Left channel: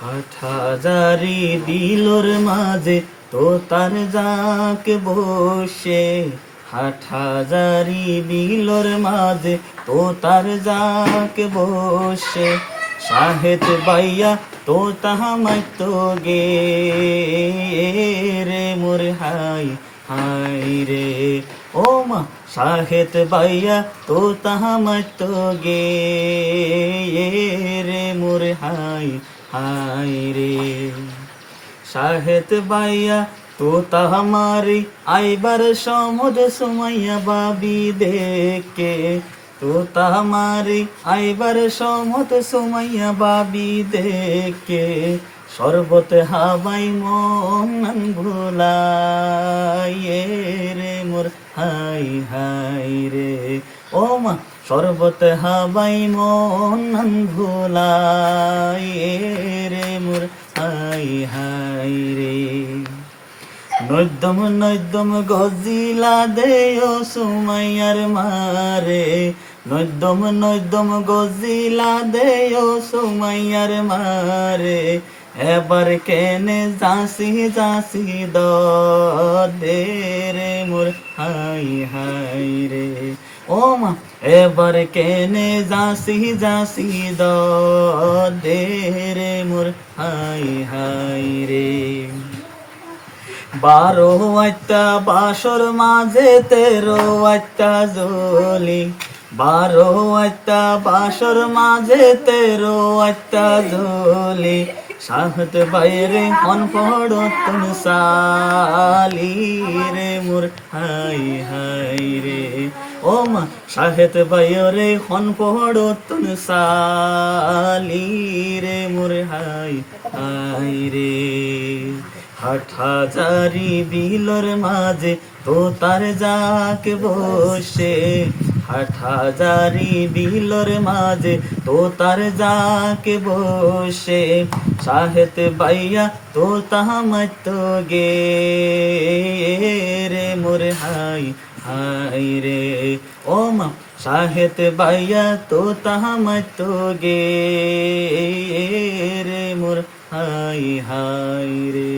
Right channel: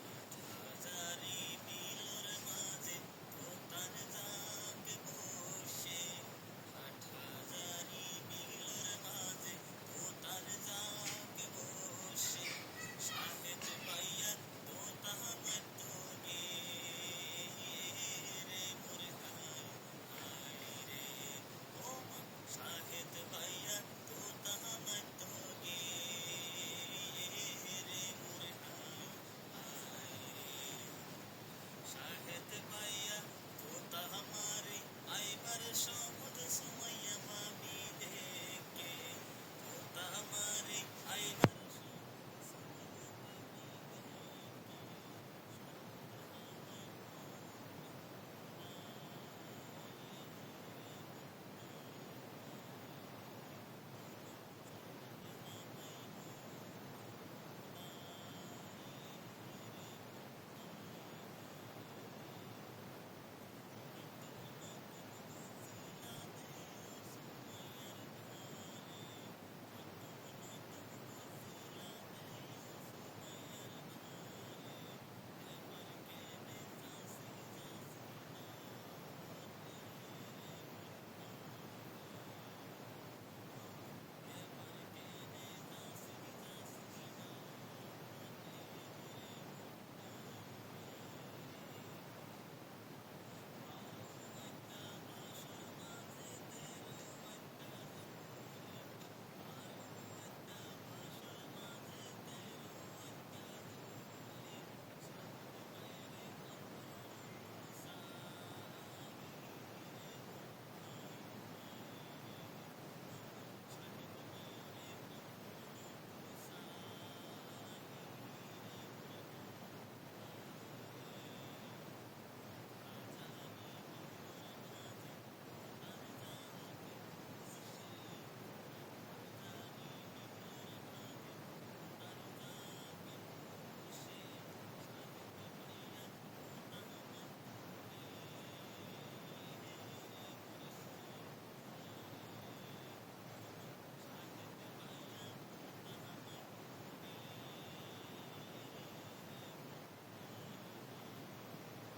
হাটহাজারি বিলোর মাঝে তোতার যাক বসে, হাটহাজারি বিলোর মাঝে তোতার যাক বসে, শাহেদ বাইয়া তোতা মাইতো গে রে মোর হাই হাই রে। ও মা শাহেদ বাইয়া তোতা মাইতো গে রে মোর হাই হাই রে। শাহেদ বাইয়া তোতা हमारी आइबर समद सुमैया बाबी देखे, তোতা हमारी आइबर समद सुमैया बाबी देखे, শরবত হাবাই মন ভুলাইয়ে রে মোর হাই হাই রে। ও মা শরবত হাবাই মন ভুলাইয়ে রে মোর হাই হাই রে। নৈদম নৈদম গজিলা দেও সুমাইয়ার মারে, নৈদম নৈদম গজিলা দেও সুমাইয়ার মারে, এবার কেনে যাসি যাসি দে রে মোর হাই হাই রে। ও মা এবার কেনে যাসি যাসি দে রে মোর হাই হাই রে। 12 আটটা বাসর মাঝে 13 আটটা জলি, 12 আটটা বাসর মাঝে 13 আটটা জলি, শাহেদ বাইরে হন পড়তন সালি রে মোর হাই হাই রে। ও মা শাহেদ বাইরে হন পড়তন সালি রে মোর হাই হাই রে। হাটহাজারি বিলোর মাঝে তোতার যাক বসে, হাটহাজারি বিলোর মাঝে তোতার যাক বসে, শাহেদ বাইয়া তোতা মাইতো গে রে মোর হাই হাই রে। ও মা শাহেদ বাইয়া তোতা মাইতো গে রে মোর হাই হাই রে।